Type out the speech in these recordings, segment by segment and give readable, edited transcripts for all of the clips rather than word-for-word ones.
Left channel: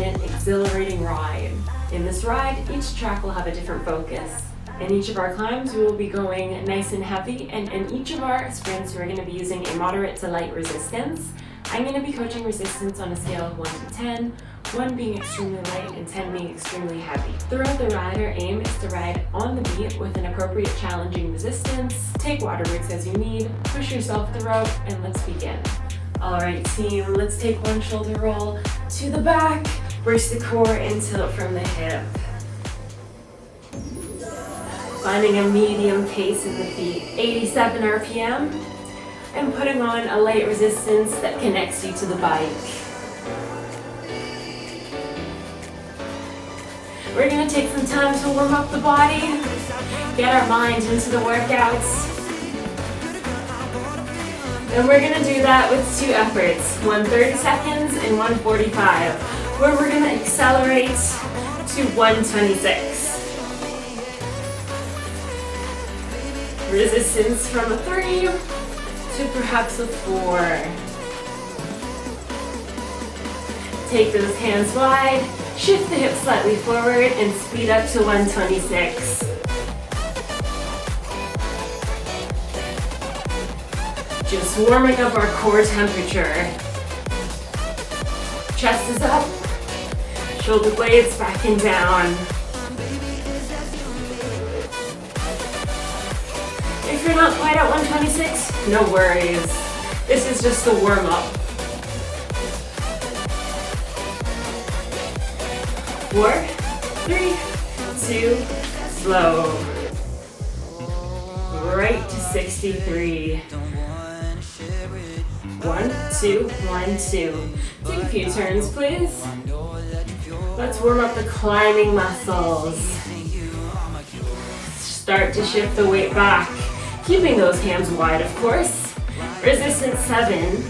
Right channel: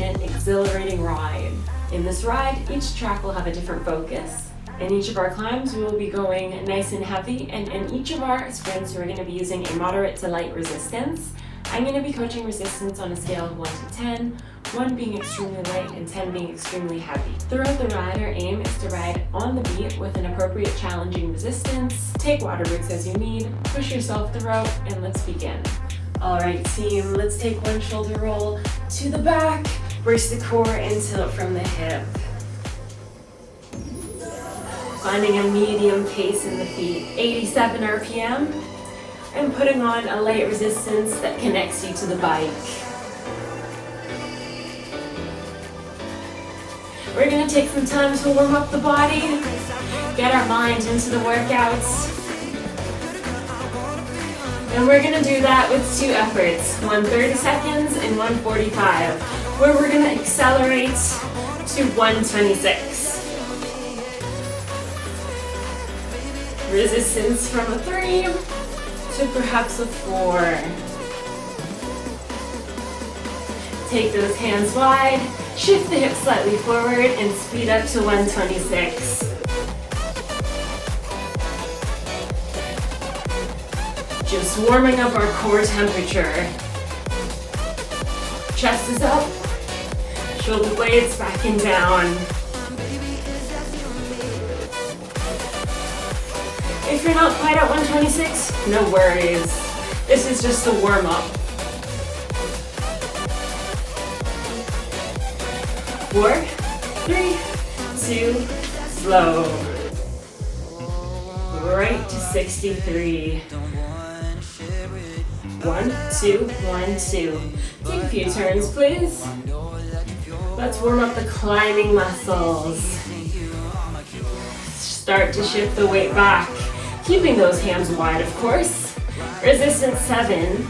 and an exhilarating ride. In this ride, each track will have a different focus. In each of our climbs, we will be going nice and heavy, and in each of our sprints, we're going to be using a moderate to light resistance. I'm going to be coaching resistance on a scale of 1 to 10, 1 being extremely light and 10 being extremely heavy. Throughout the ride, our aim is to ride on the beat with an appropriate challenging resistance. Take water breaks as you need, push yourself throughout, and let's begin. Alright team, let's take one shoulder roll to the back, brace the core and tilt from the hip. Finding a medium pace in the feet, 87 RPM, and putting on a light resistance that connects you to the bike. We're going to take some time to warm up the body, get our mind into the workouts. And we're going to do that with 2 efforts, one 30 seconds and one 45, where we're going to accelerate to 126. Resistance from a 3 to perhaps a 4. Take those hands wide, shift the hips slightly forward, and speed up to 126. Just warming up our core temperature. Chest is up, shoulder blades back and down. If you're not quite at 126, no worries. This is just a warm-up. 4, 3, 2, slow. Right to 63. 1, 2, 1, 2. Take a few turns, please. Let's warm up the climbing muscles. Start to shift the weight back, keeping those hands wide, of course. Resistance 7.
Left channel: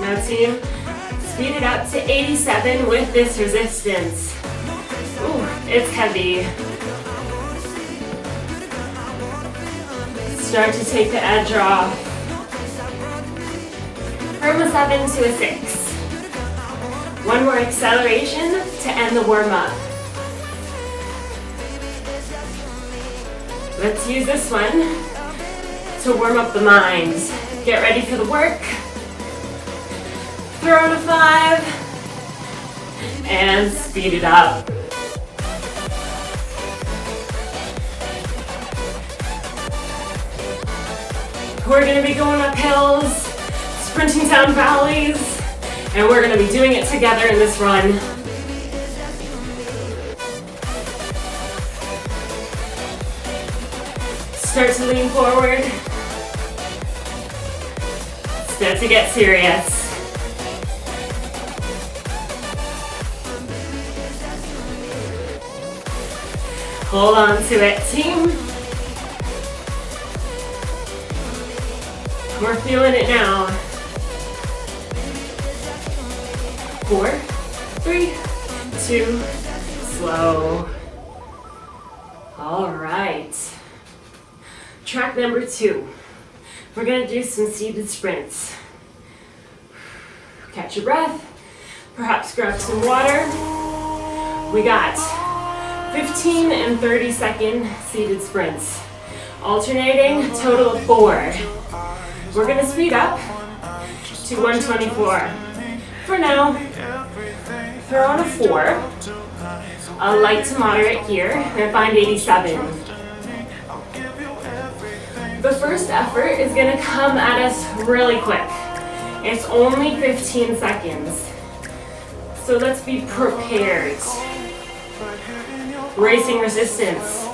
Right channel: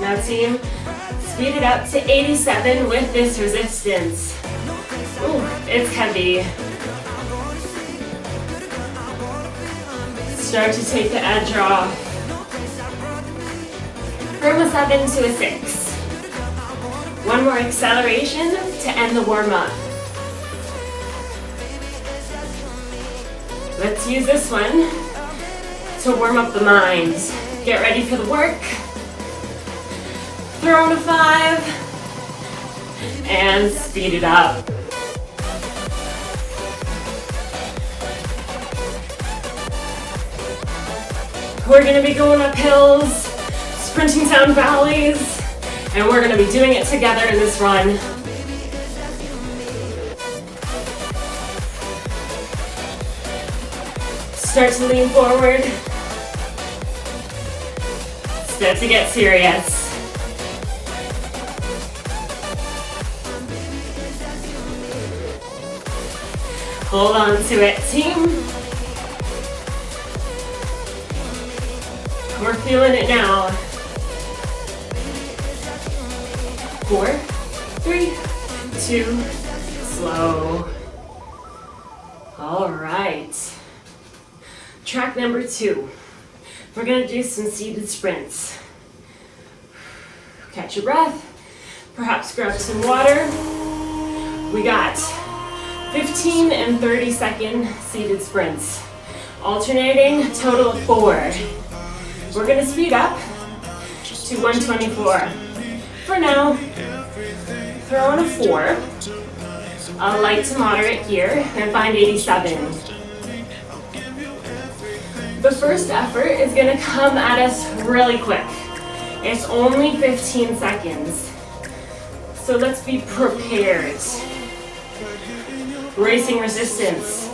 Now team, speed it up to 87 with this resistance. Ooh, it's heavy. Start to take the edge off. From a 7 to a 6. One more acceleration to end the warm-up. Let's use this one to warm up the mind. Get ready for the work. Throw in a 5 and speed it up. We're going to be going up hills, sprinting down valleys, and we're going to be doing it together in this run. Start to lean forward. Start to get serious. Hold on to it, team. We're feeling it now. 4, 3, 2, slow. All right. Track number 2. We're gonna do some seated sprints. Catch your breath. Perhaps grab some water. We got 15 and 30 second seated sprints. Alternating, total of 4. We're gonna speed up to 124. For now, throw on a 4, a light to moderate here, and find 87. The first effort is gonna come at us really quick. It's only 15 seconds. So let's be prepared. Racing resistance,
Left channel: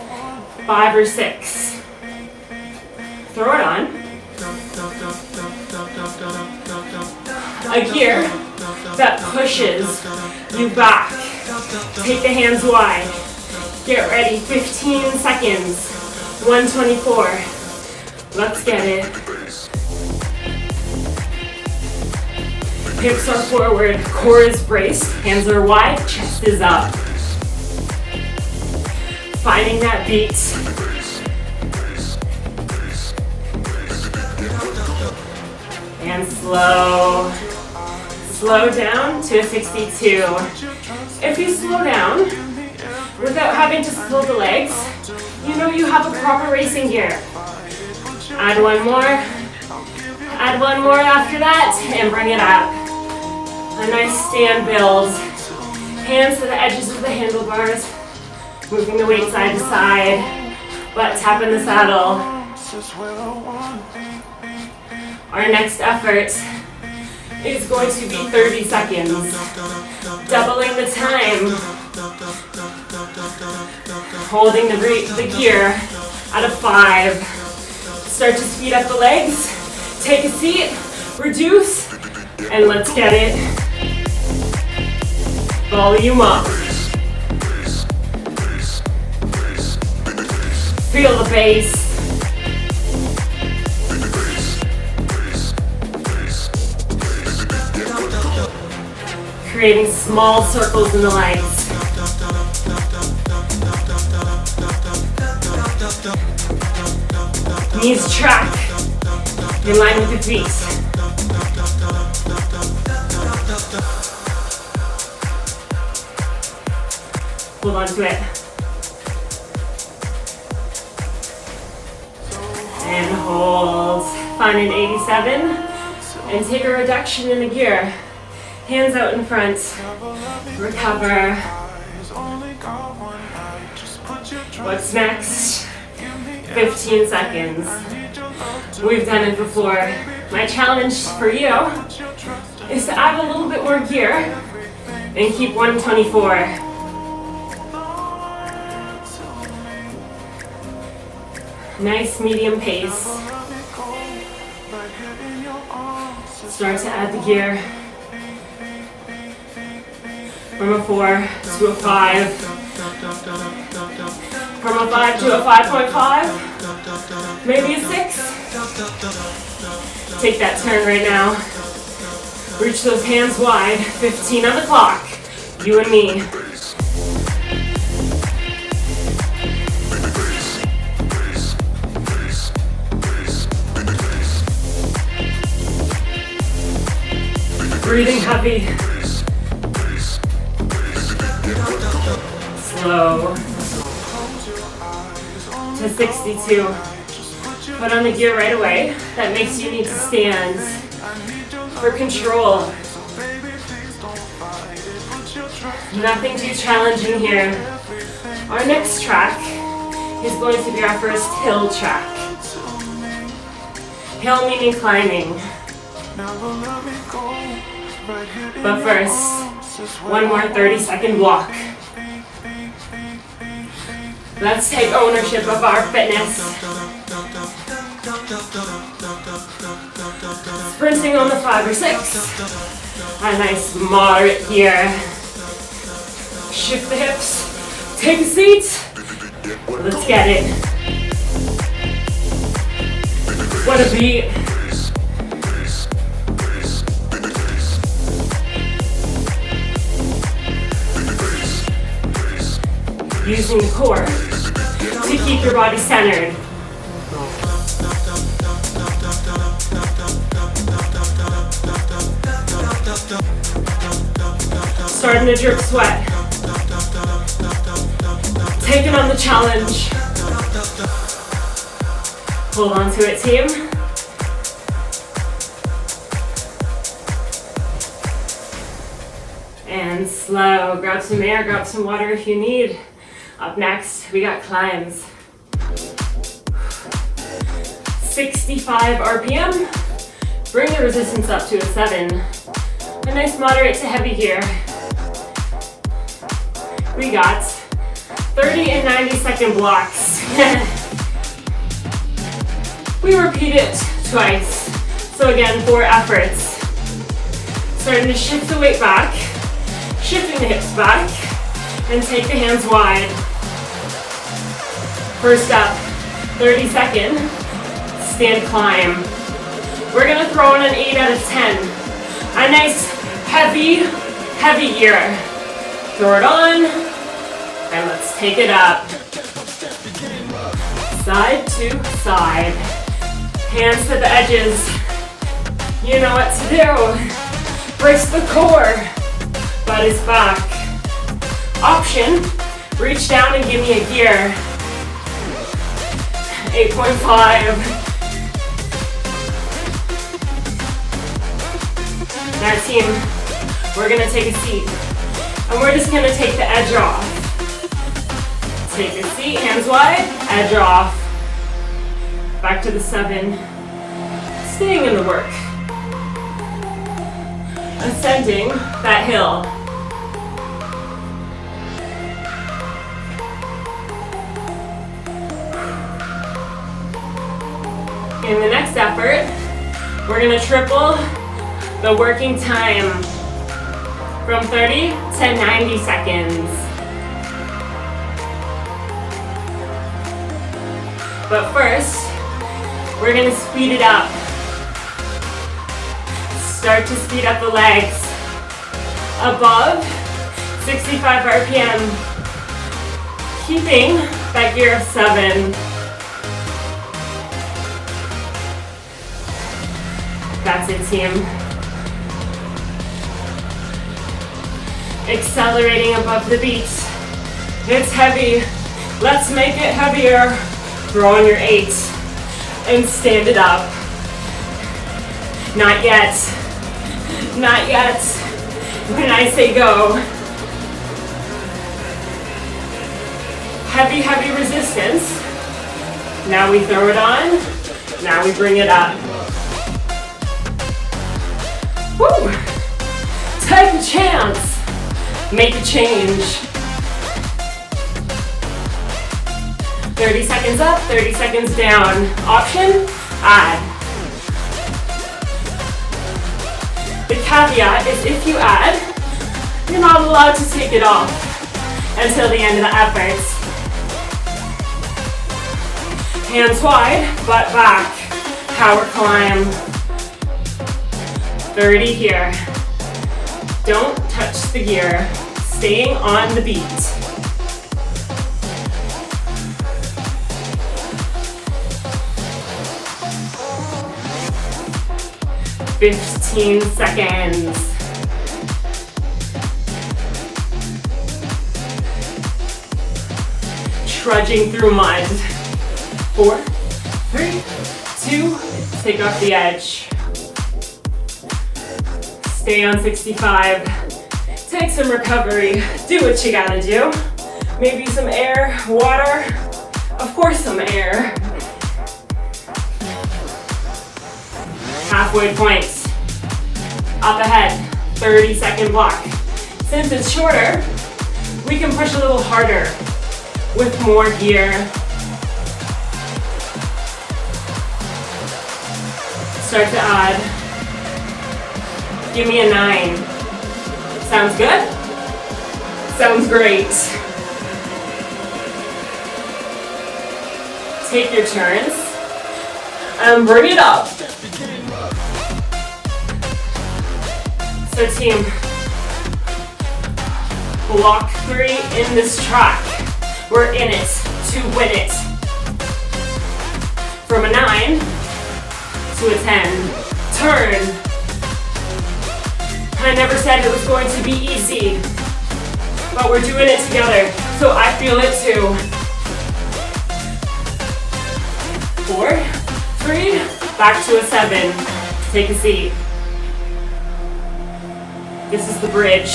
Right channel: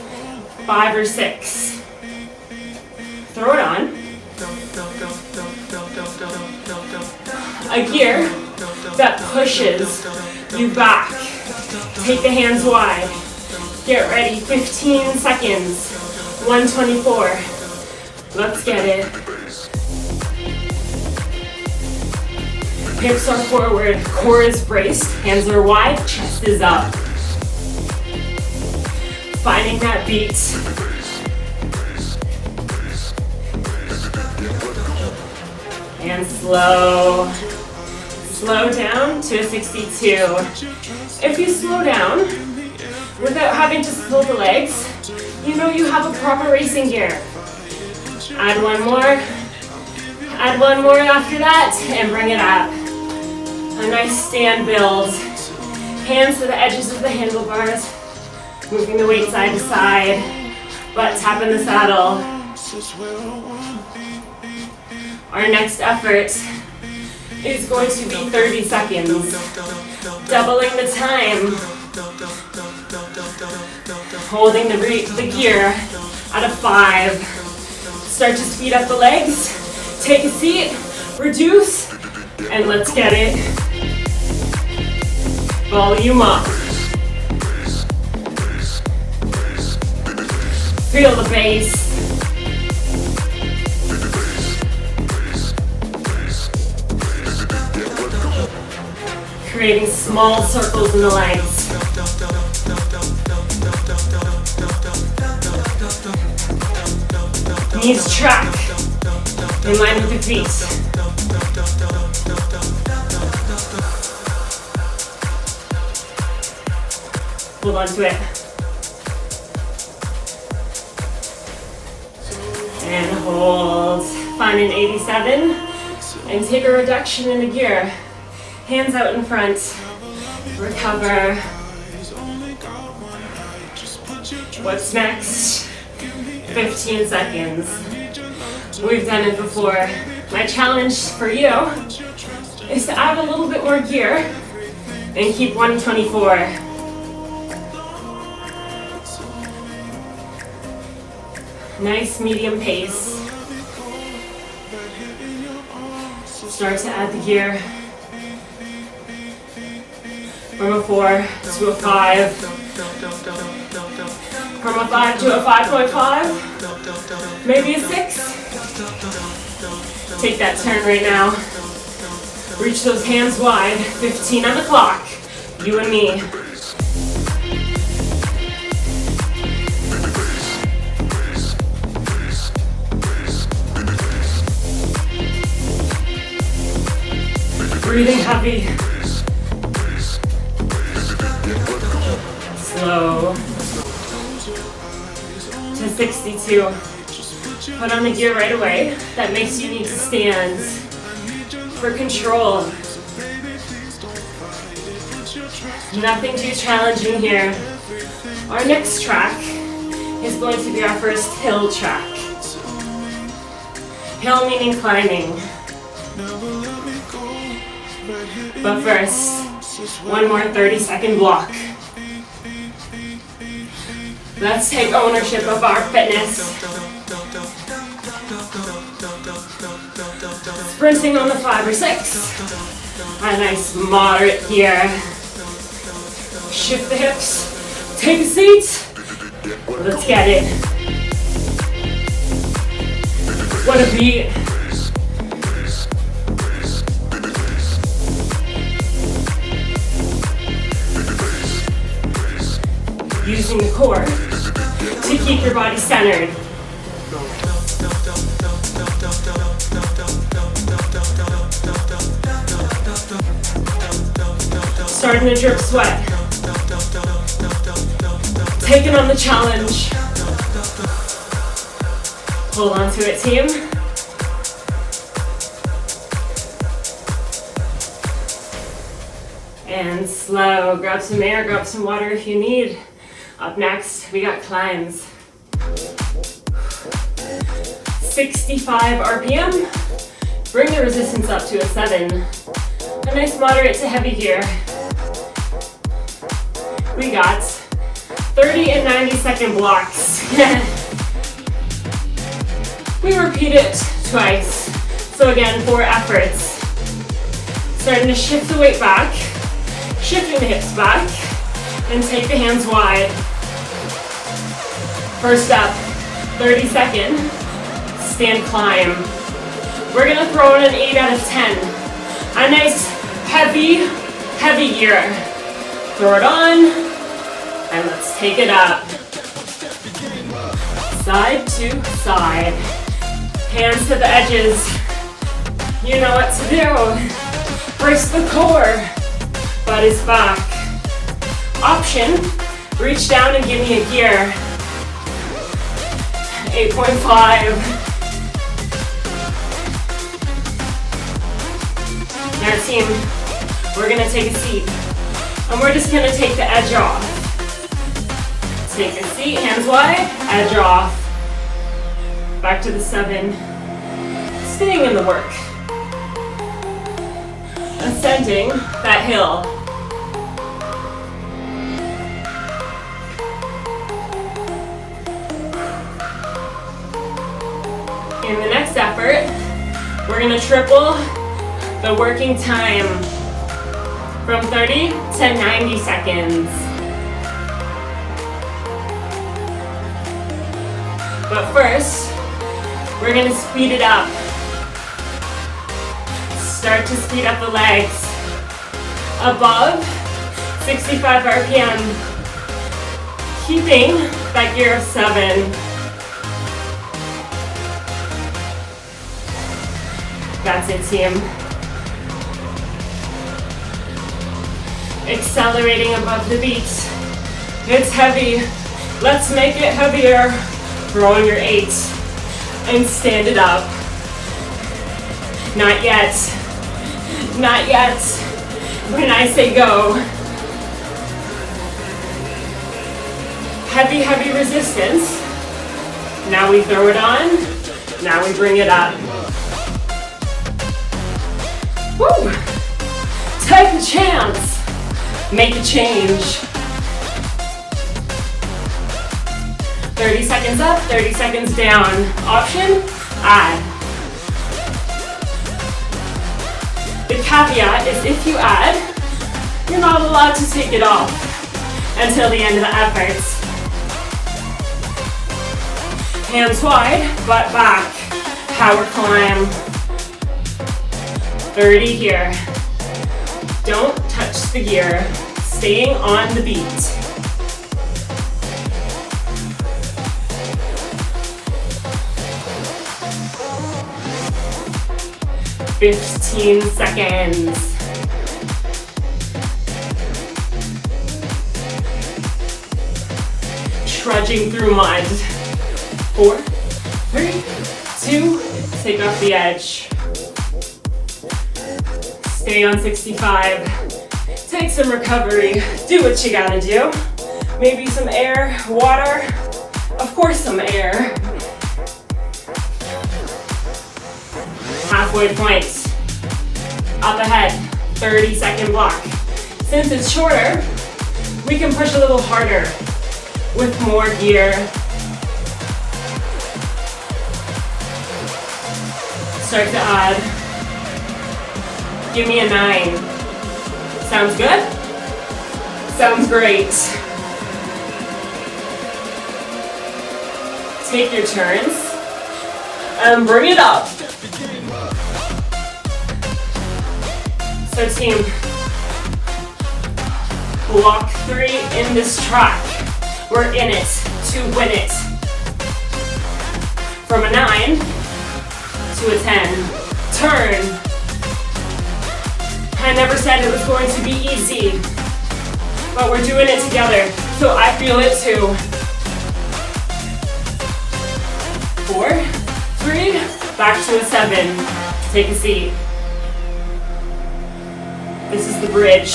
5 or 6. Throw it on. A gear that pushes you back. Take the hands wide. Get ready, 15 seconds. 124. Let's get it. Hips are forward, core is braced, hands are wide, chest is up. Finding that beat. And slow down to a 62. If you slow down without having to slow the legs, you know you have a proper racing gear. Add one more after that, and bring it up. A nice stand build. Hands to the edges of the handlebars, moving the weight side to side, butt tapping the saddle. Our next effort is going to be 30 seconds, doubling the time, holding the gear at a 5. Start to speed up the legs, take a seat, reduce, and let's get it. Volume up. Feel the bass. Creating small circles in the legs. Knees track in line with the feet. Hold on to it. And hold. Find an 87 and take a reduction in the gear. Hands out in front. Recover. What's next? 15 seconds. We've done it before. My challenge for you is to add a little bit more gear and keep 124. Nice medium pace. Start to add the gear. From a 4 to a 5. From a 5 to a 5.5. Maybe a 6. Take that turn right now. Reach those hands wide. 15 on the clock. You and me. Breathing heavy. Slow. To 62. Put on the gear right away. That makes you need to stand for control. Nothing too challenging here. Our next track is going to be our first hill track. Hill meaning climbing. But first, one more 30-second block. Let's take ownership of our fitness. Sprinting on the 5 or 6. A nice moderate here. Shift the hips. Take a seat. Let's get it. What a beat. Using the core to keep your body centered. Starting to drip sweat. Taking on the challenge. Hold on to it, team. And slow. Grab some air, grab some water if you need. Up next, we got climbs. 65 RPM. Bring the resistance up to a 7. A nice moderate to heavy here. We got 30 and 90-second blocks. We repeat it twice. So again, 4 efforts. Starting to shift the weight back, shifting the hips back, and take the hands wide. First up, 30-second stand climb. We're gonna throw in an 8 out of 10. A nice heavy gear. Throw it on, and let's take it up. Side to side. Hands to the edges. You know what to do. Brace the core. Butt is back. Option, reach down and give me a gear. 8.5. Now team, we're gonna take a seat. And we're just gonna take the edge off. Take a seat, hands wide, edge off. Back to the 7. Staying in the work. Ascending that hill. In the next effort, we're gonna triple the working time from 30 to 90 seconds. But first, we're gonna speed it up. Start to speed up the legs. Above 65 RPM. Keeping that gear of 7. That's it, team. Accelerating above the beat. It's heavy. Let's make it heavier. Throw on your 8 and stand it up. Not yet. Not yet. When I say go. Heavy, heavy resistance. Now we throw it on. Now we bring it up. Woo! Take a chance. Make a change. 30 seconds up, 30 seconds down. Option, add. The caveat is if you add, you're not allowed to take it off until the end of the effort. Hands wide, butt back. Power climb. 30 here. Don't touch the gear. Staying on the beat. "15 seconds. Trudging through mud. 4, 3, 2, take off the edge. Stay on 65. Take some recovery. Do what you gotta do. Maybe some air, water, of course some air. Halfway point. Up ahead, 30-second block. Since it's shorter, we can push a little harder with more gear. Start to add. Give me a 9. Sounds good? Sounds great. Take your turns and bring it up. So team, block 3 in this track. We're in it to win it. From a 9 to a 10. Turn. I never said it was going to be easy, but we're doing it together, so I feel it too. 4, 3, back to a 7. Take a seat. This is the bridge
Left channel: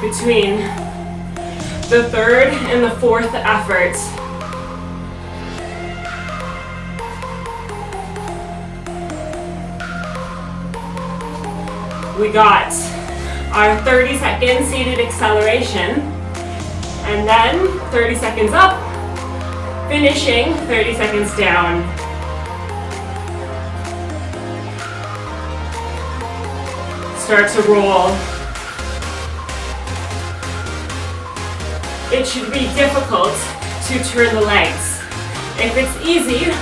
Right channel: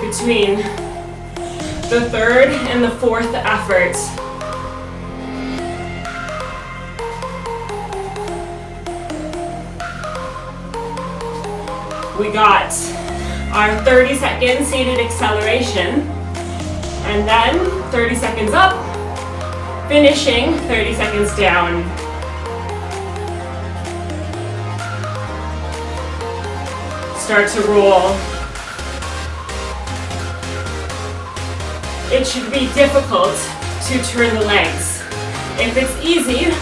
between the 3rd and the 4th effort. We got our 30-second seated acceleration, and then 30 seconds up, finishing 30 seconds down. Start to roll. It should be difficult to turn the legs. If it's easy,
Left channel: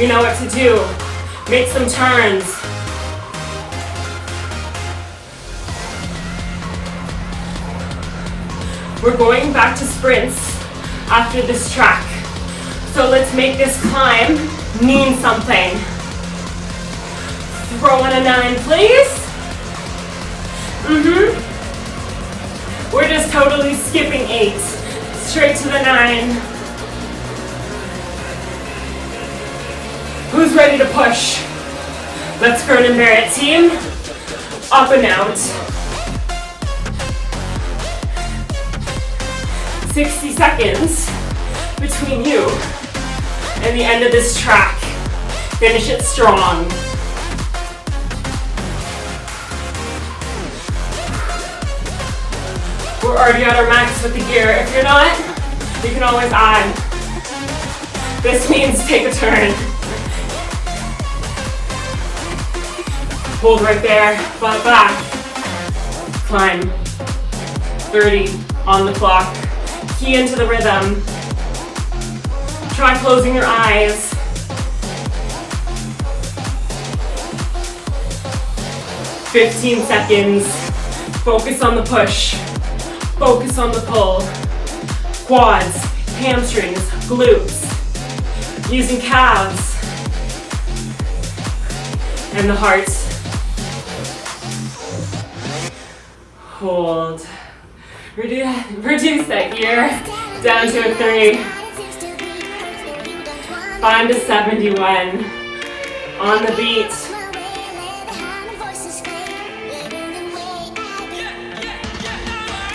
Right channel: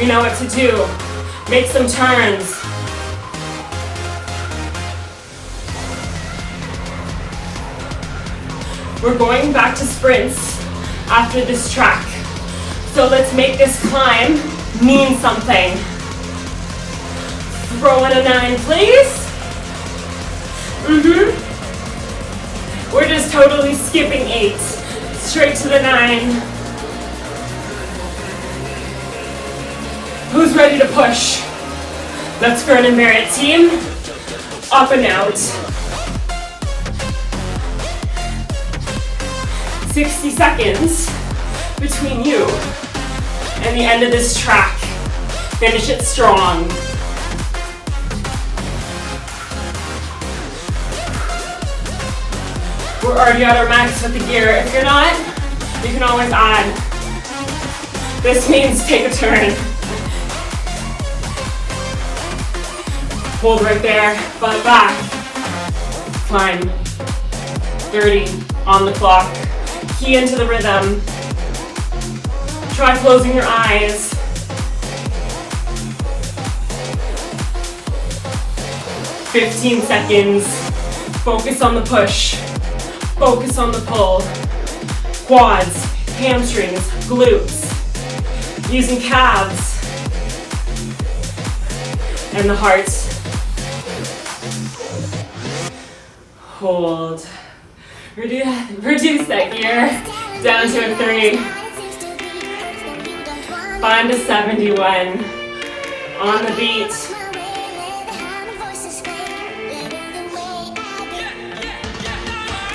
you know what to do. Make some turns. We're going back to sprints after this track. So let's make this climb mean something. throw in a 9, please. We're just totally skipping 8. Straight to the 9. Who's ready to push? Let's grin and bear it, team. Up and out. 60 seconds between you and the end of this track. Finish it strong. We're already at our max with the gear. If you're not, you can always add. This means take a turn. Hold right there, butt back. Climb. 30 on the clock. Key into the rhythm. Try closing your eyes. "15 seconds. Focus on the push. Focus on the pull. Quads, hamstrings, glutes. Using calves. And the heart. Hold. Reduce that gear down to a 3. Find a 71 on the beat.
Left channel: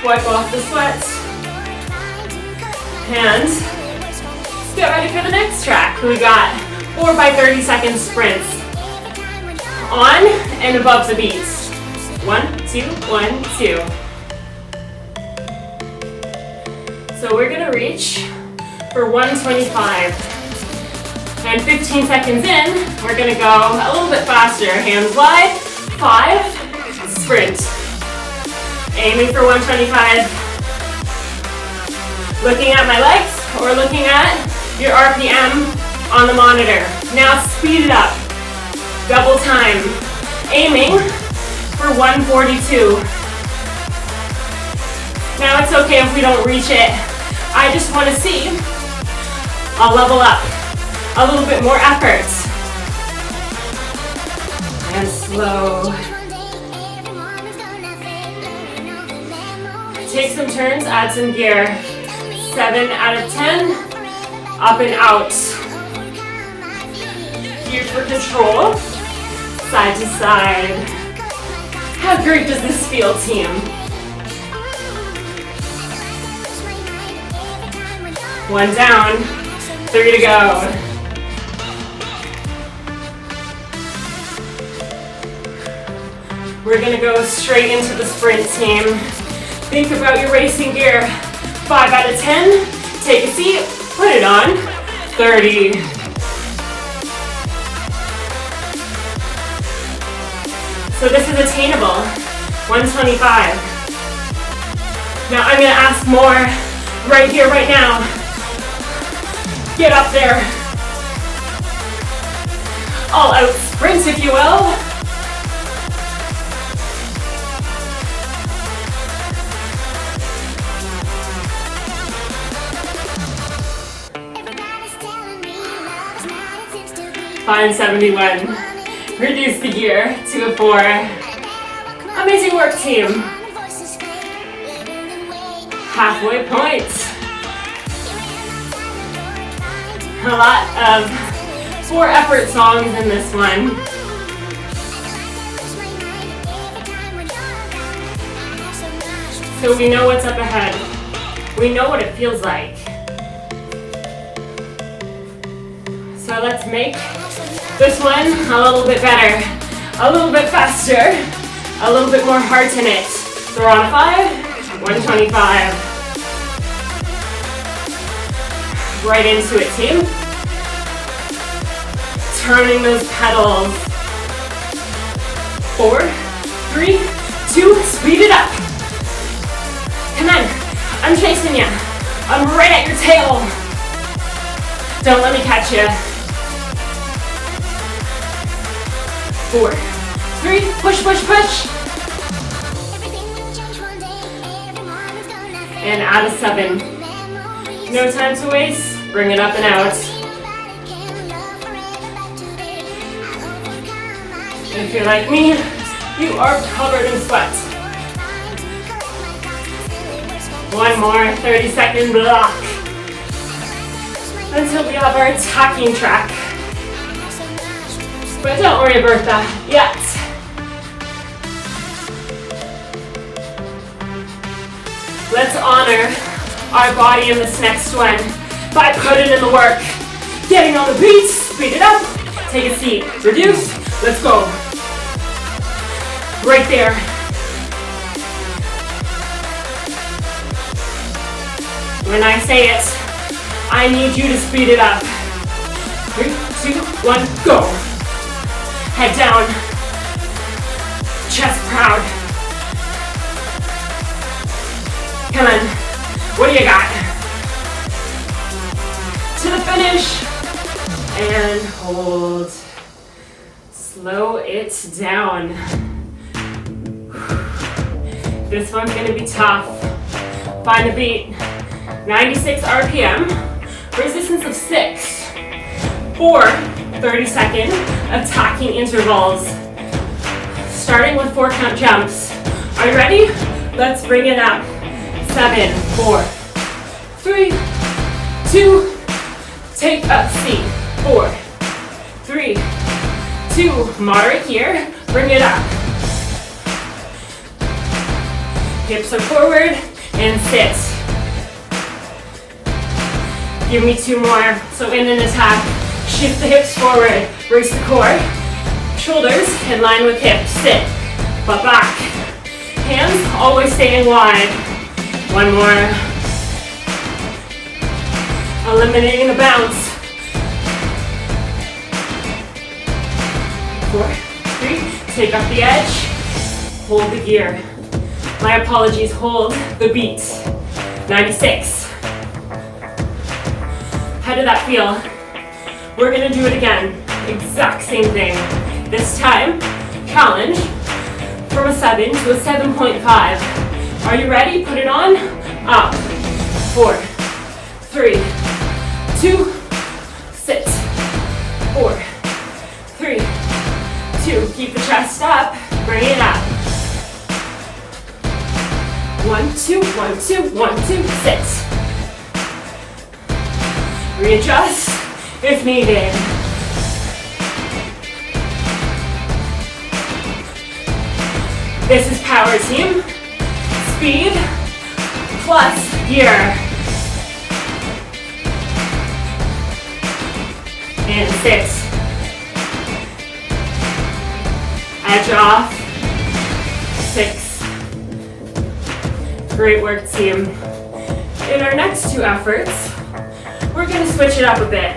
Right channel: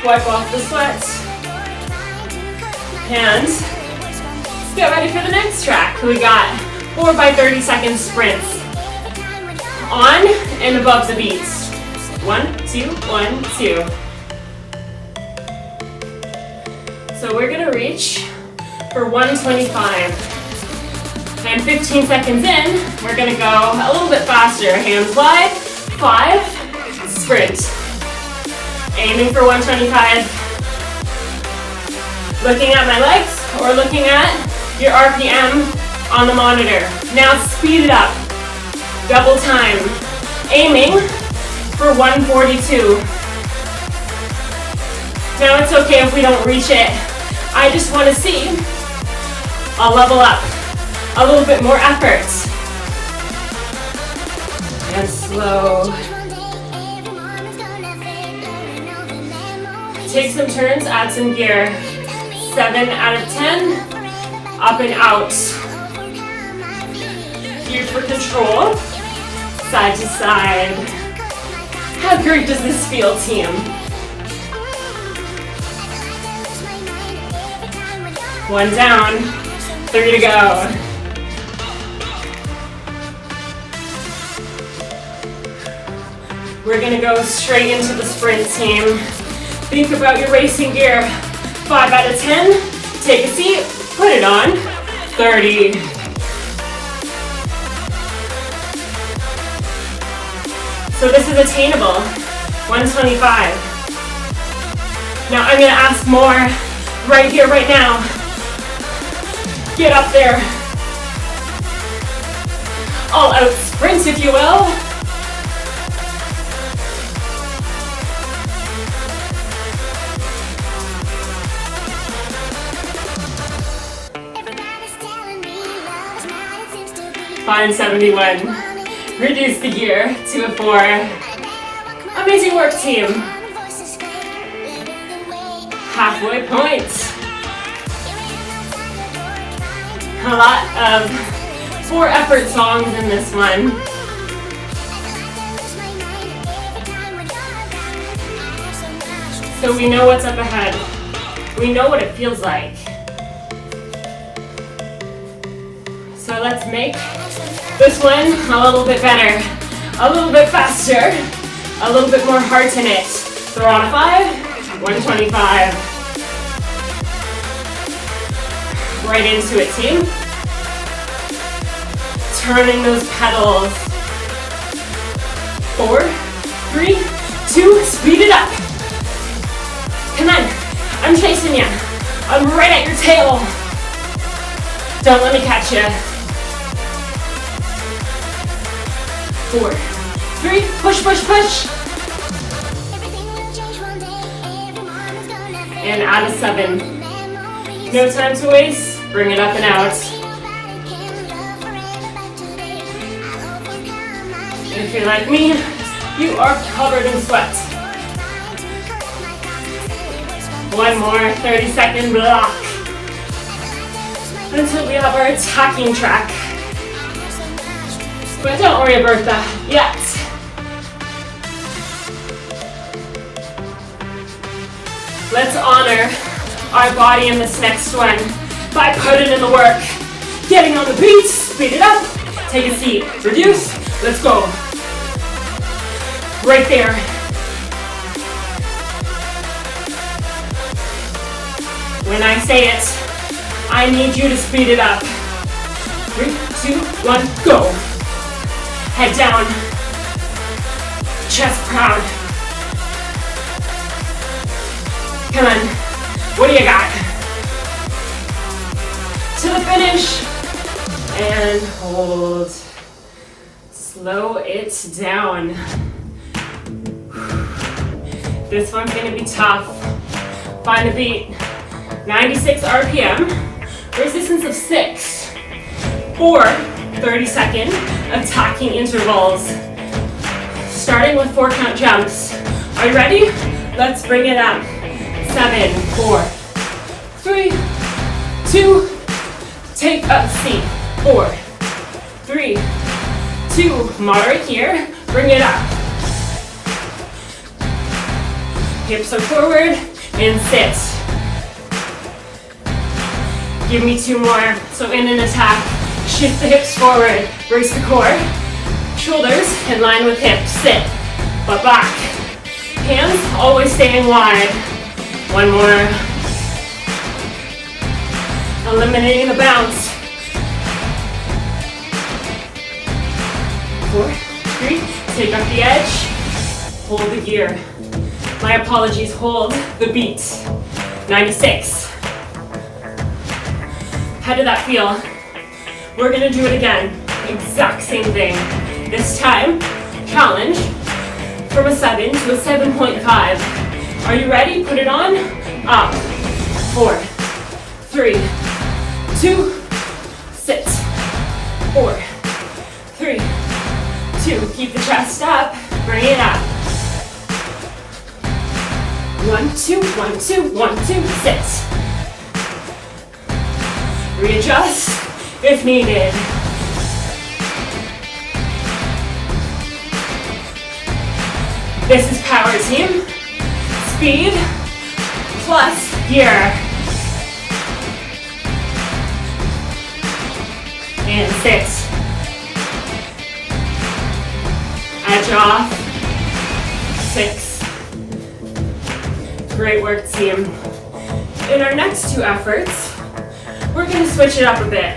Wipe off the sweat. Hands. Get ready for the next track. We got 4 by 30 second sprints. On and above the beats. 1, 2, 1, 2. So we're gonna reach for 125. And 15 seconds in, we're gonna go a little bit faster. Hands wide, 5, sprint. Aiming for 125. Looking at my legs or looking at your RPM on the monitor. Now speed it up. Double time. Aiming for 142. Now it's okay if we don't reach it. I just want to see a level up. A little bit more effort. And slow. Take some turns, add some gear. 7 out of 10. Up and out. Here for control. Side to side. How great does this feel, team? 1 down, 3 to go. We're gonna go straight into the sprint, team. Think about your racing gear. 5 out of 10, take a seat, put it on. 30. So this is attainable, 125. Now I'm gonna ask more right here, right now. Get up there. All out sprint, if you will. Find 71. Reduce the gear to a 4. Amazing work, team. Halfway point. A lot of 4 effort songs in this one. So we know what's up ahead. We know what it feels like. So let's make this one a little bit better, a little bit faster, a little bit more heart in it. Throw on a 5, 125. Right into it, team. Turning those pedals. 4, 3, 2, speed it up. Come on, I'm chasing you. I'm right at your tail. Don't let me catch you. 4, 3, push, push, push. And add a 7. No time to waste, bring it up and out. If you're like me, you are covered in sweat. One more 30-second block until we have our attacking track. But don't worry about that yet. Let's honor our body in this next one by putting in the work. Getting on the beat, speed it up, take a seat, reduce, let's go. Right there. When I say it, I need you to speed it up. 3, 2, 1, go. Head down. Chest proud. Come on. What do you got? To the finish. And hold. Slow it down. This one's gonna be tough. Find a beat. 96 RPM, resistance of 6, or 30-second attacking intervals. Starting with 4-count jumps. Are you ready? Let's bring it up. 7, 4, 3, 2, take a seat. 4, 3, 2, moderate here, bring it up. Hips are forward and sit. Give me 2 more. So in an attack, shift the hips forward, brace the core, shoulders in line with hips, sit, butt back. Hands always staying wide. 1 more. Eliminating the bounce. 4, 3, take up the edge, hold the gear. My apologies, hold the beat. 96. How did that feel? We're gonna do it again. Exact same thing. This time, challenge from a 7 to a 7.5. Are you ready? Put it on. Up. 4, 3, 2, sit. 4, 3, 2. Keep the chest up. Bring it up. 1, 2, 1, 2, 1, 2, sit. Readjust if needed. This is power team. Speed plus gear. And sit. Edge off. 6. Great work, team. In our next 2 efforts, we're going to switch it up a bit.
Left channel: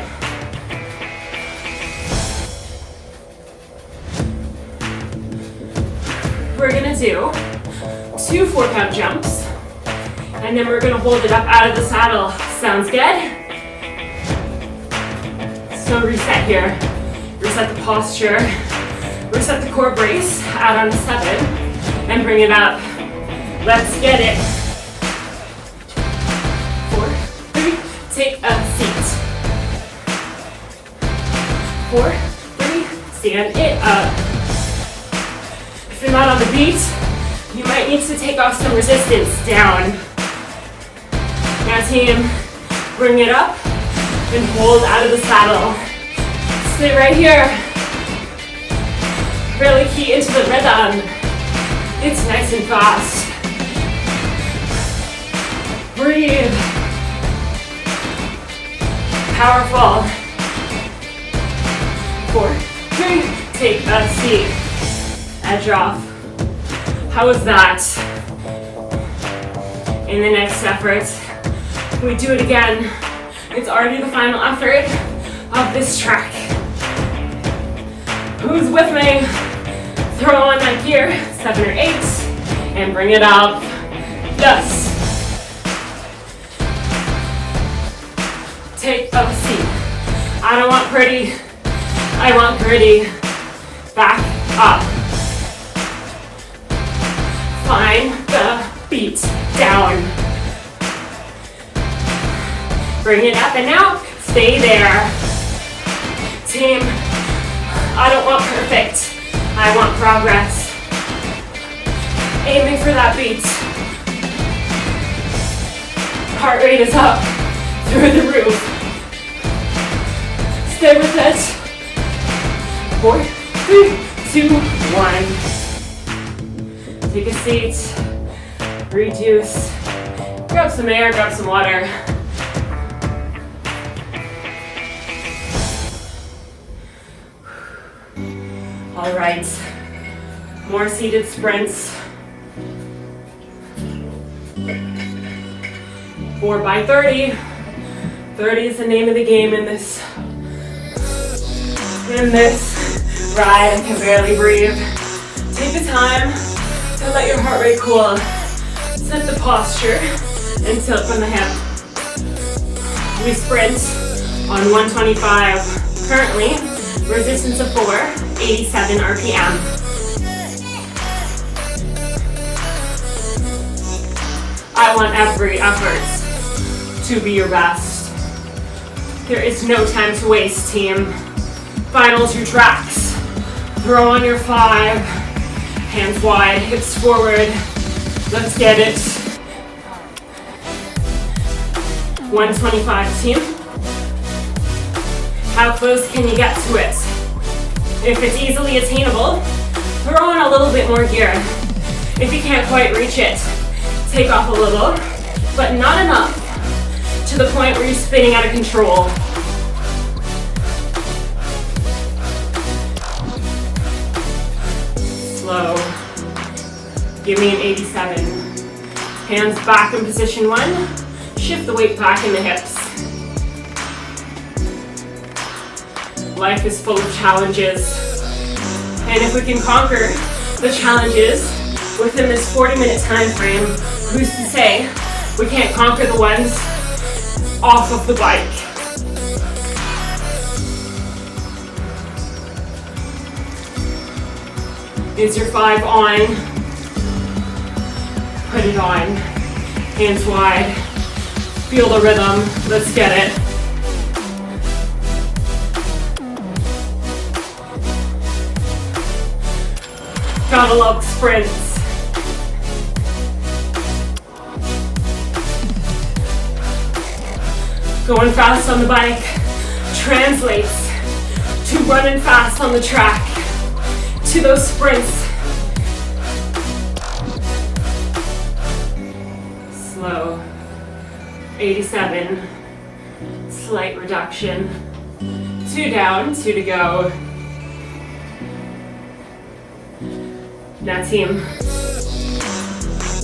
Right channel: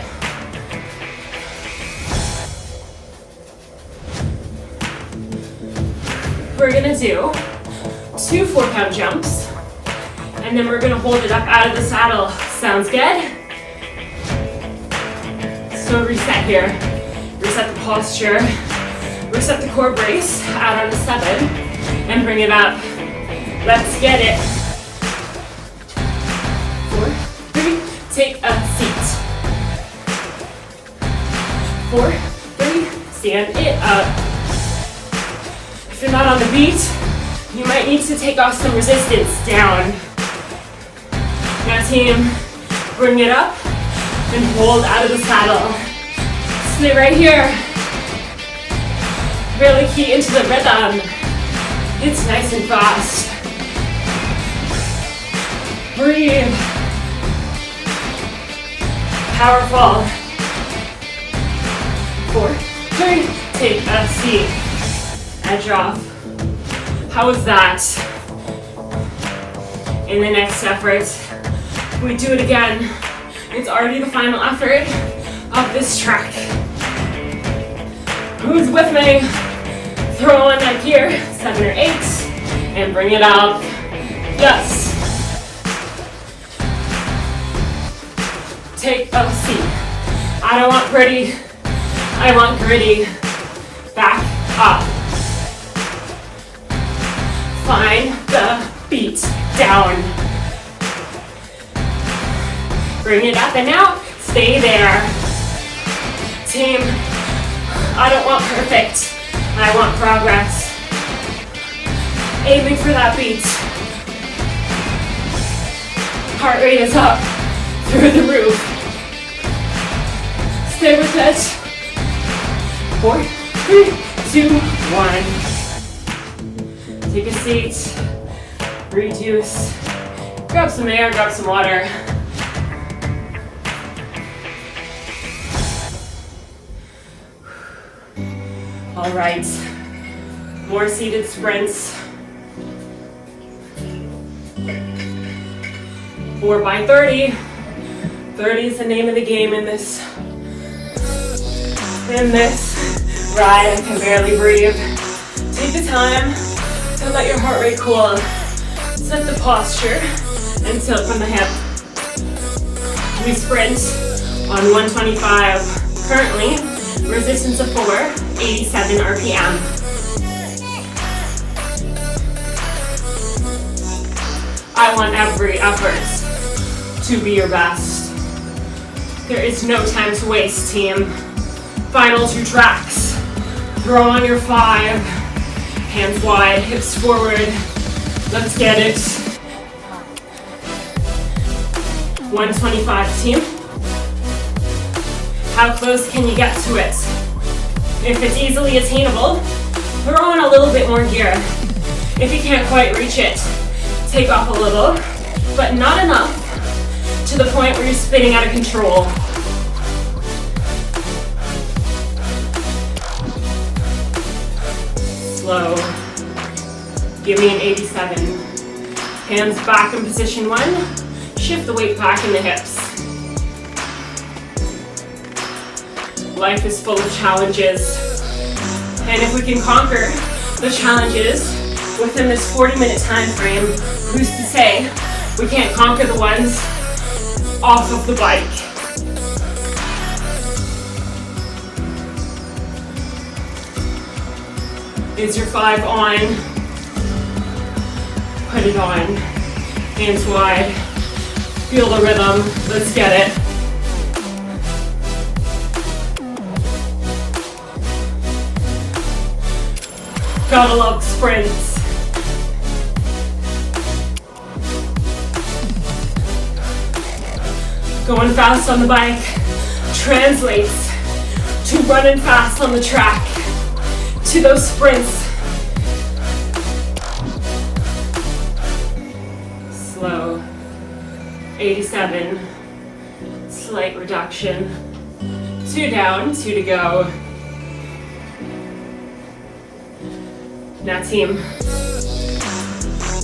We're going to do 2 4-count jumps, and then we're going to hold it up out of the saddle. Sounds good? So reset here. Reset the posture. Reset the core brace. Add on a 7, and bring it up. Let's get it. 4, 3, take a seat. 4, 3, stand it up. If you're not on the beat, you might need to take off some resistance. Down. Now team, bring it up and hold out of the saddle. Stay right here. Really key into the rhythm. It's nice and fast. Breathe. Powerful. 4, 3, take a seat. Edge off. How was that? In the next effort, we do it again. It's already the final effort of this track. Who's with me? Throw on that gear, 7 or 8, and bring it up. Yes. Take a seat. I don't want pretty, I want gritty. Back up. Find the beat. Down. Bring it up and out. Stay there. Team, I don't want perfect. I want progress. Aiming for that beat. Heart rate is up through the roof. Stay with it. 4, 3, 2, 1. Take a seat. Reduce. Grab some air, grab some water. All right, more seated sprints. 4 by 30. 30 is the name of the game in this ride. I can barely breathe. Take the time to let your heart rate cool. Set the posture and tilt from the hip. We sprint on 125. Currently, resistance of 4, 87 RPM. I want every effort to be your best. There is no time to waste, team. Final 2 tracks. Throw on your 5. Hands wide, hips forward. Let's get it. 125, team. How close can you get to it? If it's easily attainable, throw in a little bit more gear. If you can't quite reach it, take off a little, but not enough to the point where you're spinning out of control. Slow. Give me an 87. Hands back in position 1. Shift the weight back in the hips. Life is full of challenges. And if we can conquer the challenges within this 40-minute time frame, who's to say we can't conquer the ones off of the bike? Is your 5 on? Put it on. Hands wide. Feel the rhythm. Let's get it. Gotta love sprints. Going fast on the bike translates to running fast on the track, to those sprints. Slow. 87. Slight reduction. 2 down, 2 to go. Now team,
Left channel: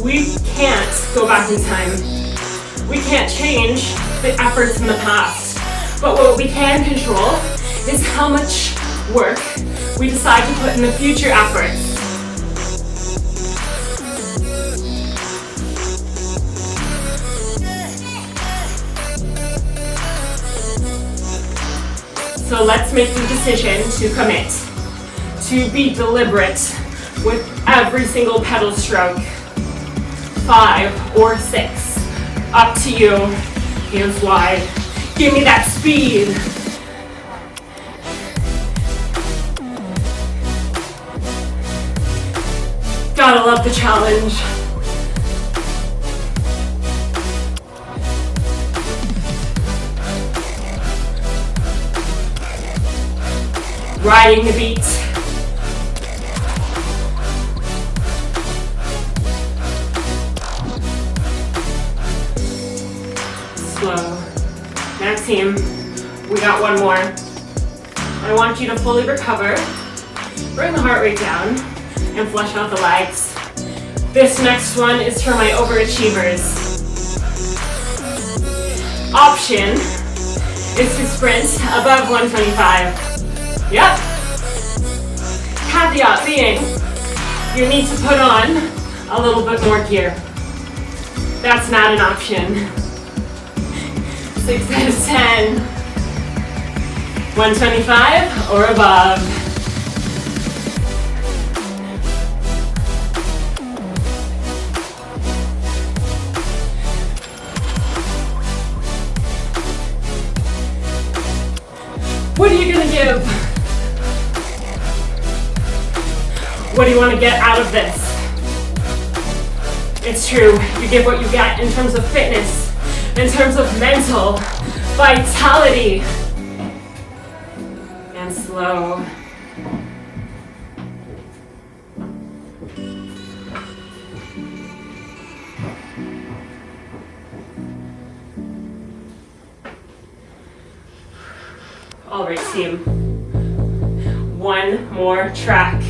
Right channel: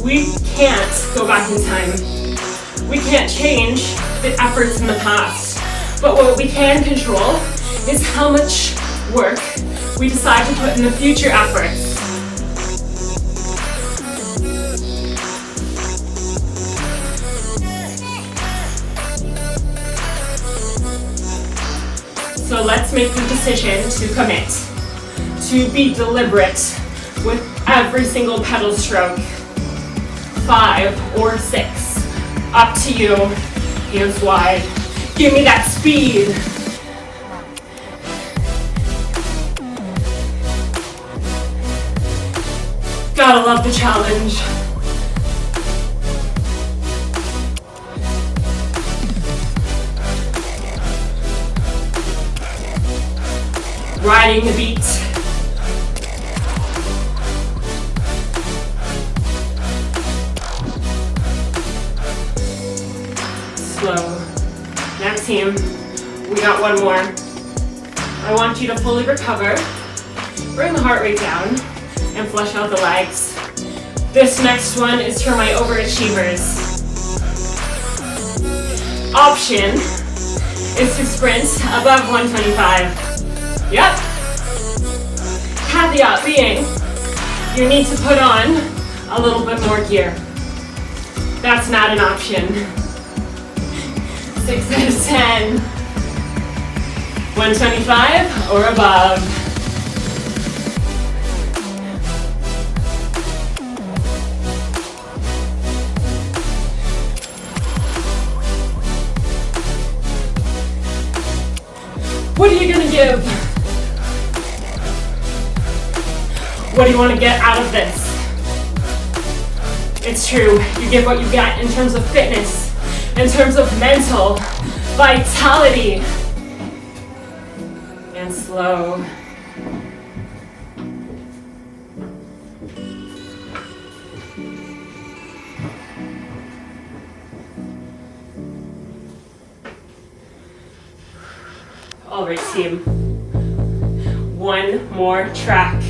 we can't go back in time. We can't change the efforts in the past. But what we can control is how much work we decide to put in the future efforts. So let's make the decision to commit, to be deliberate with every single pedal stroke. 5 or 6, up to you. Hands wide. Give me that speed. Gotta love the challenge. Riding the beat. Slow. Now team, we got one more. I want you to fully recover, bring the heart rate down, and flush out the legs. This next one is for my overachievers. Option is to sprint above 125. Yep. Caveat being, you need to put on a little bit more gear. That's not an option. 6 out of 10. 125 or above. What are you gonna give? What do you want to get out of this? It's true, you get what you get in terms of fitness, in terms of mental vitality. And slow. All right, team. One more track.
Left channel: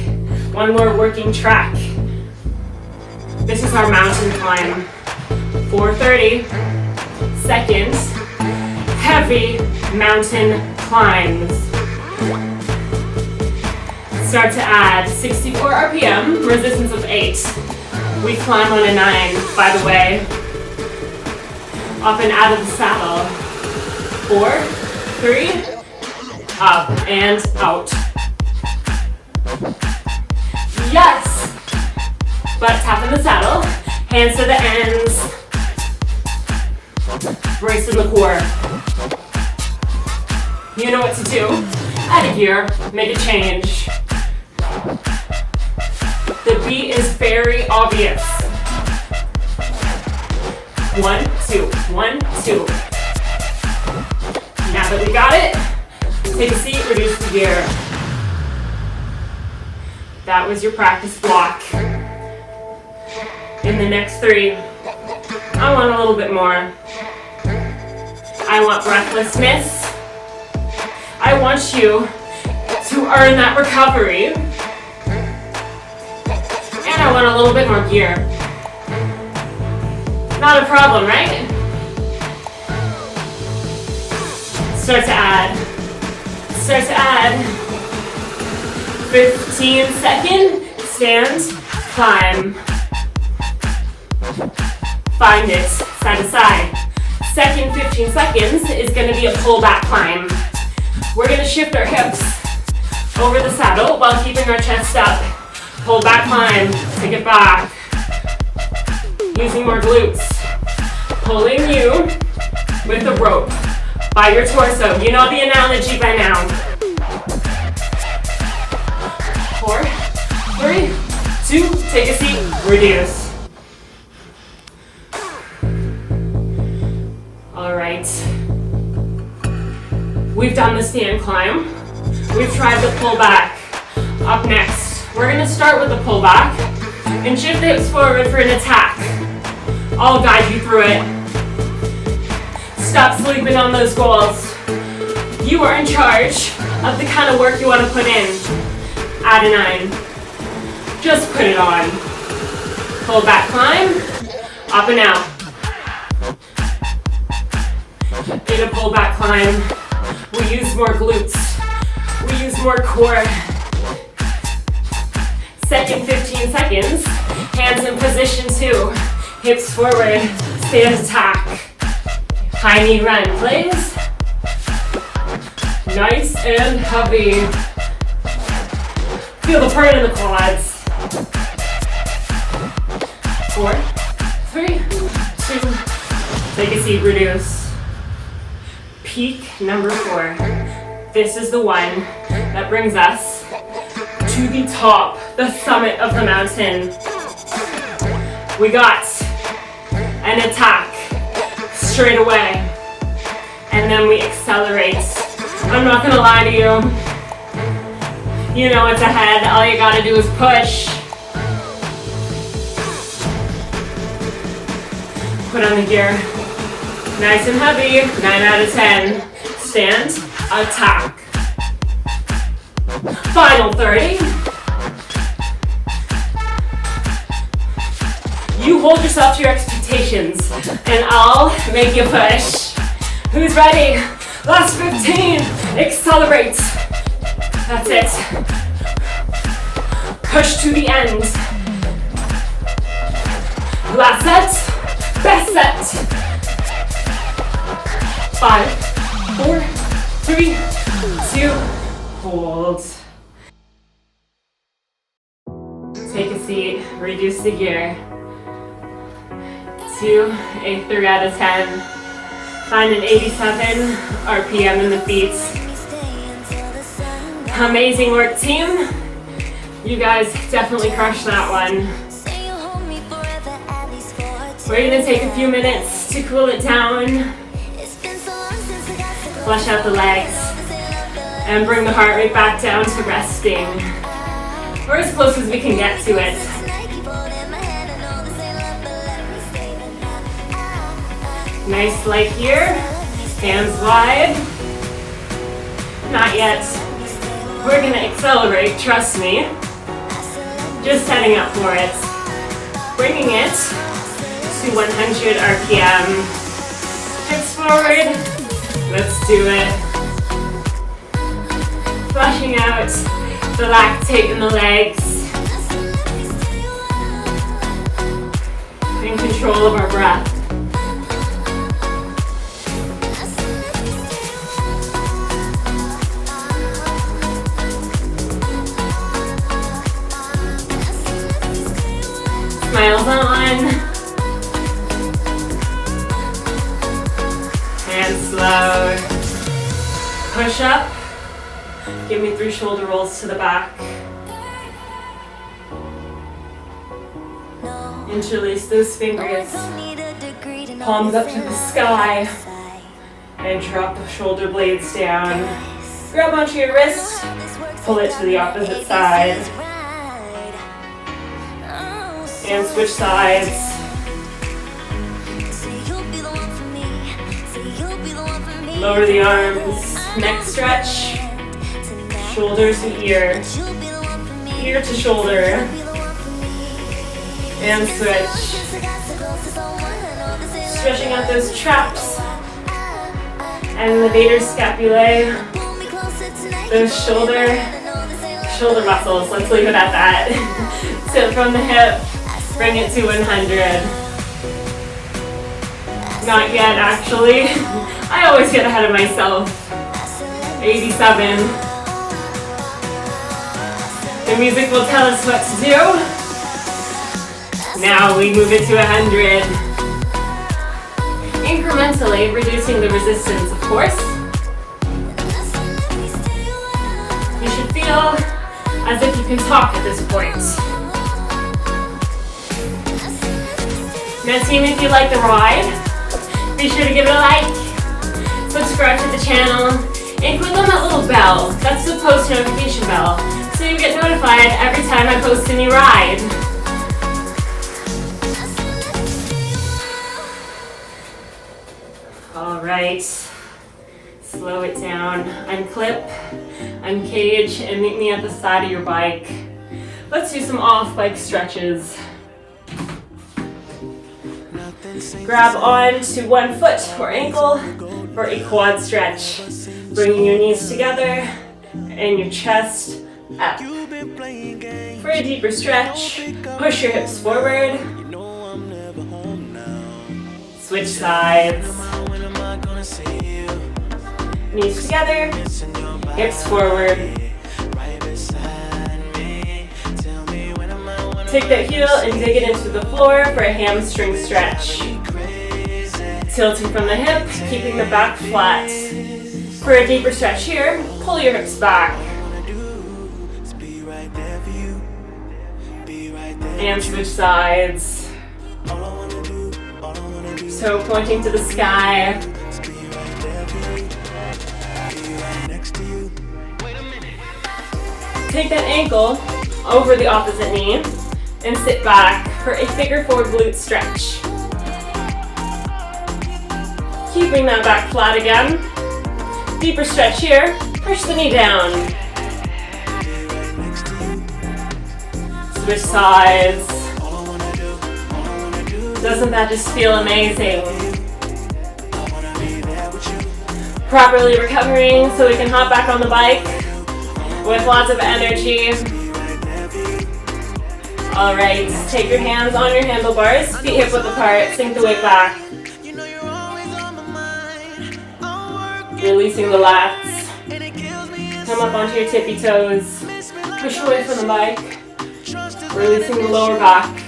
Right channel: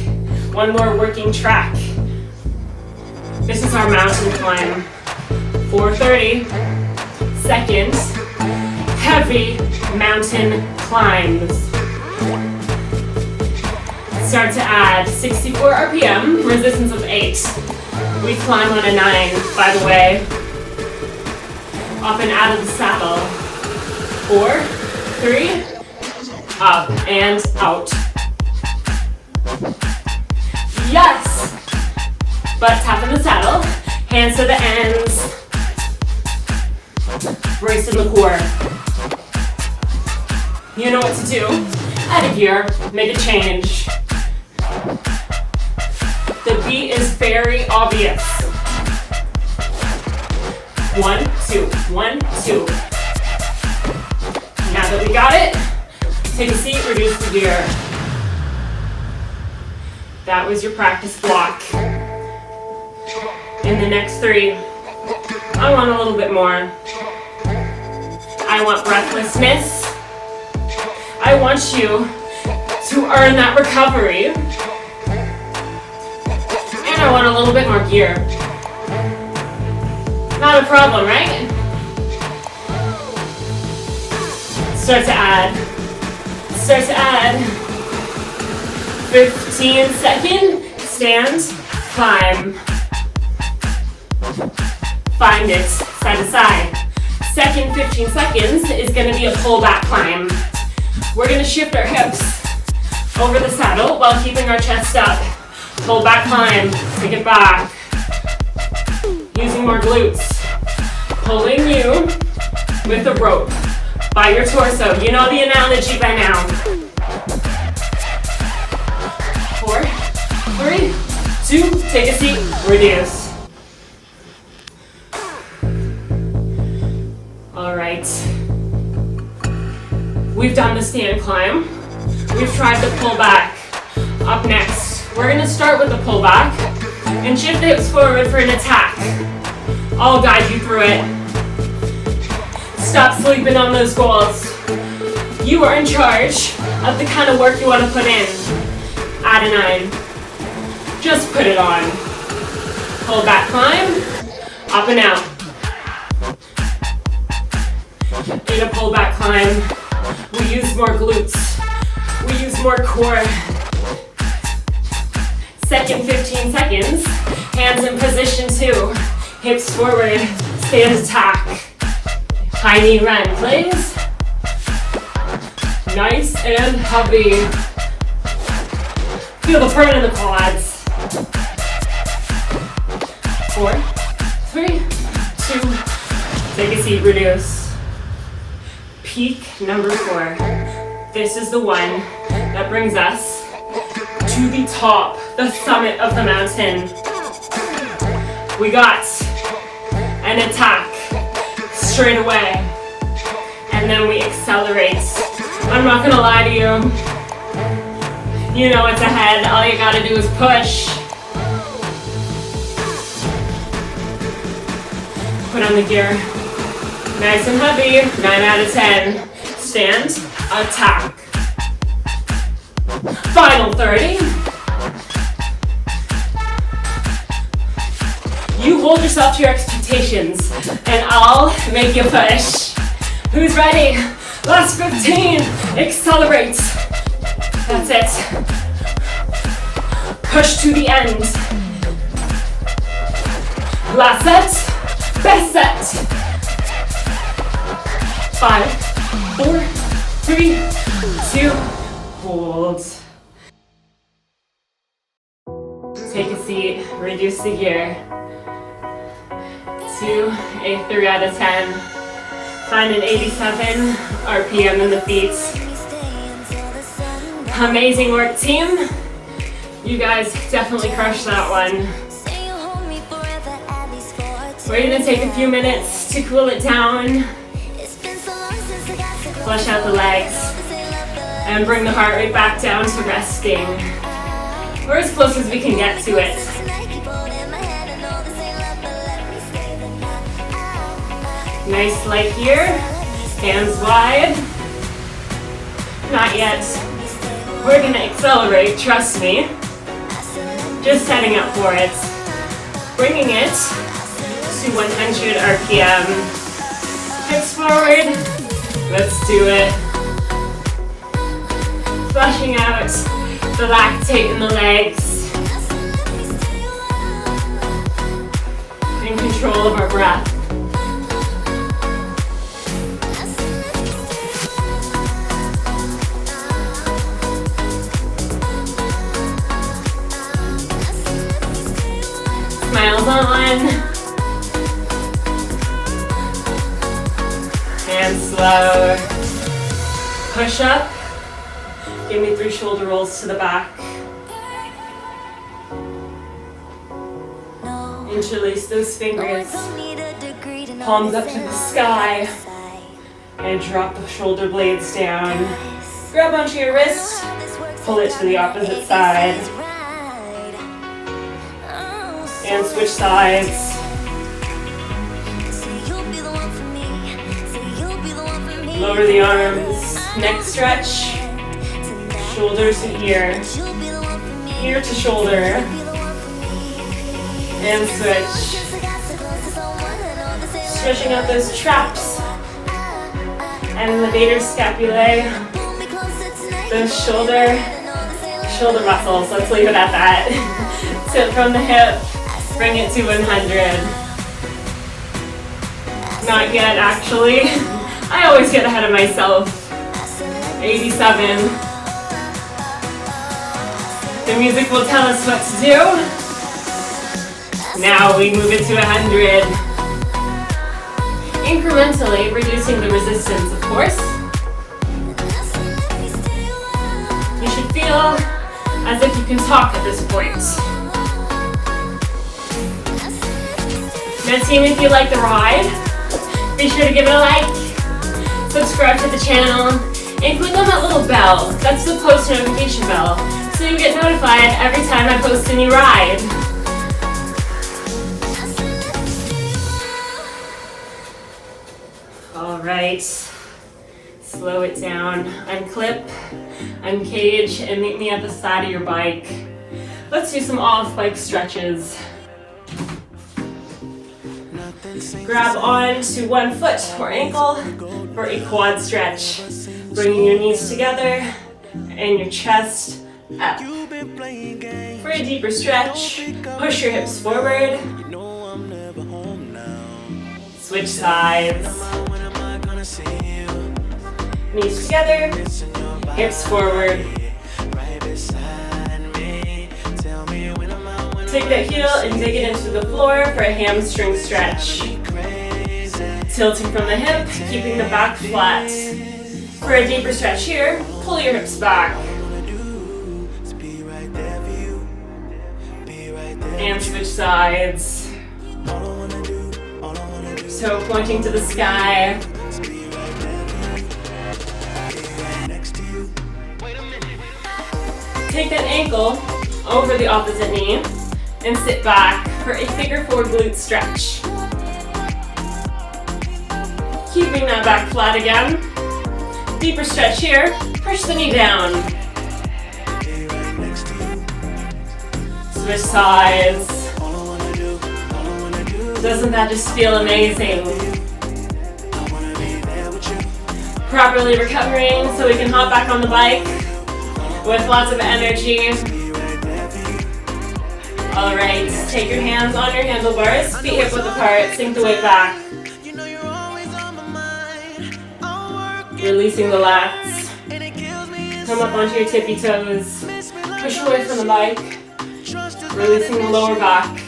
One more working track. This is our mountain climb. 4:30 seconds. Heavy mountain climbs. Start to add 64 RPM, resistance of 8. We climb on a 9, by the way. Up and out of the saddle. 4, 3, up and out. Yes! Butt tap in the saddle, hands to the ends. Brace in the core. You know what to do. Add a gear, make a change. The beat is very obvious. 1, 2, 1, 2. Now that we got it, take a seat, reduce the gear. That was your practice block. In the next 3, I want a little bit more. I want breathlessness. I want you to earn that recovery. And I want a little bit more gear. Not a problem, right? Start to add. Start to add. 15 second, stand, climb. Find it, side to side. Second 15 seconds is gonna be a pull-back climb. We're gonna shift our hips over the saddle while keeping our chest up. Pull-back climb, take it back. Using more glutes. Pulling you with the rope by your torso. You know the analogy by now. 4, 3, 2, take a seat, reduce. All right. We've done the stand climb. We've tried the pull back. Up next, we're gonna start with the pull back and shift the hips forward for an attack. I'll guide you through it. Stop sleeping on those goals. You are in charge of the kind of work you want to put in. Add a 9. Just put it on. Pull back climb, up and out. In a pull back climb, we use more glutes. We use more core. Second 15 seconds, hands in position 2. Hips forward, stand attack. High knee run, please. Nice and heavy. Feel the burn in the quads. 4, 3, 2, take a seat, reduce. Peak number 4. This is the one that brings us to the top, the summit of the mountain. We got an attack straight away, and then we accelerate. I'm not gonna lie to you. You know what's ahead. All you gotta do is push. Put on the gear. Nice and heavy. 9 out of 10. Stand, attack. Final 30. You hold yourself to your expectations, and I'll make you push. Who's ready? Last 15. Accelerate. That's it. Push to the end. Last set. Best set. 5, 4, 3, 2, hold. Take a seat, reduce the gear. 2, a 3 out of 10. Find an 87 RPM in the feet. Amazing work, team. You guys definitely crushed that one. We're gonna take a few minutes to cool it down. Flush out the legs. And bring the heart rate back down to resting. We're as close as we can get to it. Nice light here. Hands wide. Not yet. We're gonna accelerate, trust me. Just setting up for it. Bringing it to 100 RPM. Hips forward. Let's do it. Flushing out the lactate in the legs. In control of our breath. Smiles on. And slow. Push up. Give me 3 shoulder rolls to the back. Interlace those fingers. Palms up to the sky. And drop the shoulder blades down. Grab onto your wrist. Pull it to the opposite side. And switch sides. Lower the arms. Neck stretch. Shoulders to ear. Ear to shoulder. And switch. Stretching out those traps. And the vater scapulae. Those shoulder muscles. Let's leave it at that. So from the hip, bring it to 100. Not yet, actually. I always get ahead of myself. 87. The music will tell us what to do. Now we move it to 100. Incrementally reducing the resistance, of course. You should feel as if you can talk at this point. Now team, if you like the ride, be sure to give it a like, subscribe to the channel, and click on that little bell. That's the post notification bell, so you get notified every time I post a new ride. Alright, slow it down, unclip, uncage, and meet me at the side of your bike. Let's do some off-bike stretches. Grab on to one foot or ankle for a quad stretch. Bringing your knees together and your chest up. For a deeper stretch, push your hips forward. Switch sides. Knees together, hips forward. Take that heel and dig it into the floor for a hamstring stretch. Tilting from the hip, keeping the back flat. For a deeper stretch here, pull your hips back. And switch sides. So pointing to the sky. Take that ankle over the opposite knee and sit back for a figure 4 glute stretch. Keeping that back flat again. Deeper stretch here. Push the knee down. Switch sides. Doesn't that just feel amazing? Properly recovering so we can hop back on the bike with lots of energy. Alright, take your hands on your handlebars, feet hip width apart, sink the weight back. Releasing the lats. Come up onto your tippy toes. Push away from the bike. Releasing the lower back.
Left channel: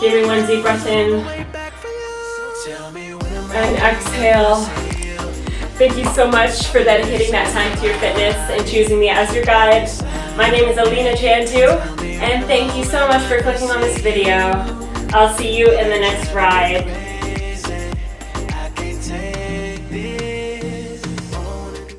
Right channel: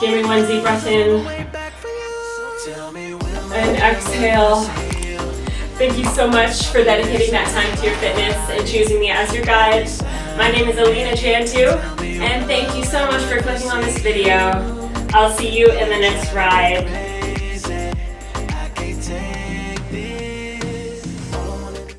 Give me one deep breath in. And exhale. Thank you so much for dedicating that time to your fitness and choosing me as your guide. My name is Alina I, and thank you so much for clicking on this video. I'll see you in the next ride.